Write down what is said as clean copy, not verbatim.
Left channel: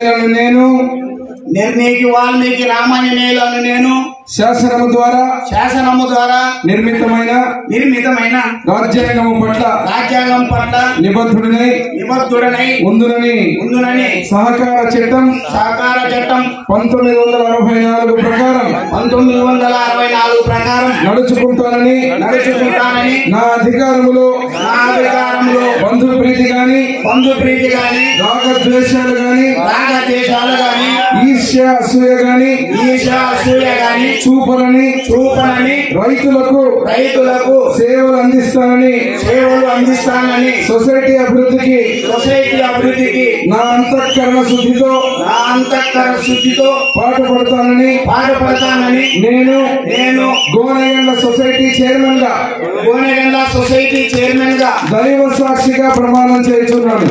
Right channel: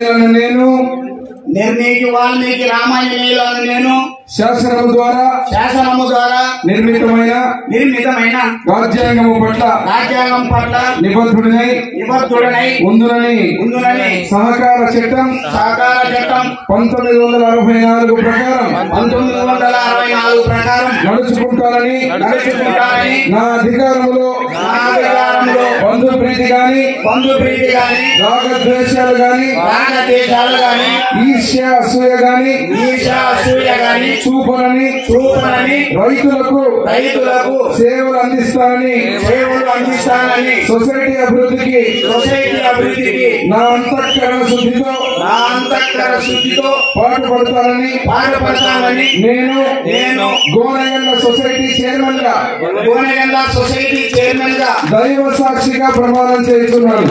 నేను నిర్ణీకి వాల్మీకి రామాయణేయులను నేను శాసనము ద్వారా నిర్మితమైన రాజ్యాంగం పట్ల నిబద్ధుడనై ఉందునని సహకార చట్టం 1964 ప్రకారం నడుచుకుంటానని నా అధికారములో బంధు ప్రీతి గాని రాగద్వేషాలు గాని ఈర్ష్య అసూయ గాని చూపనని రైతులకు సేవలు అందిస్తానని సొసైటీ అభివృద్ధికి నా అంతఃకరణ శుద్ధితో పాటుపడతానని నేను గోనెగండ్ల సొసైటీ చైర్మన్ గా దైవ సాక్షిగా ప్రమాణం చేస్తున్నాను.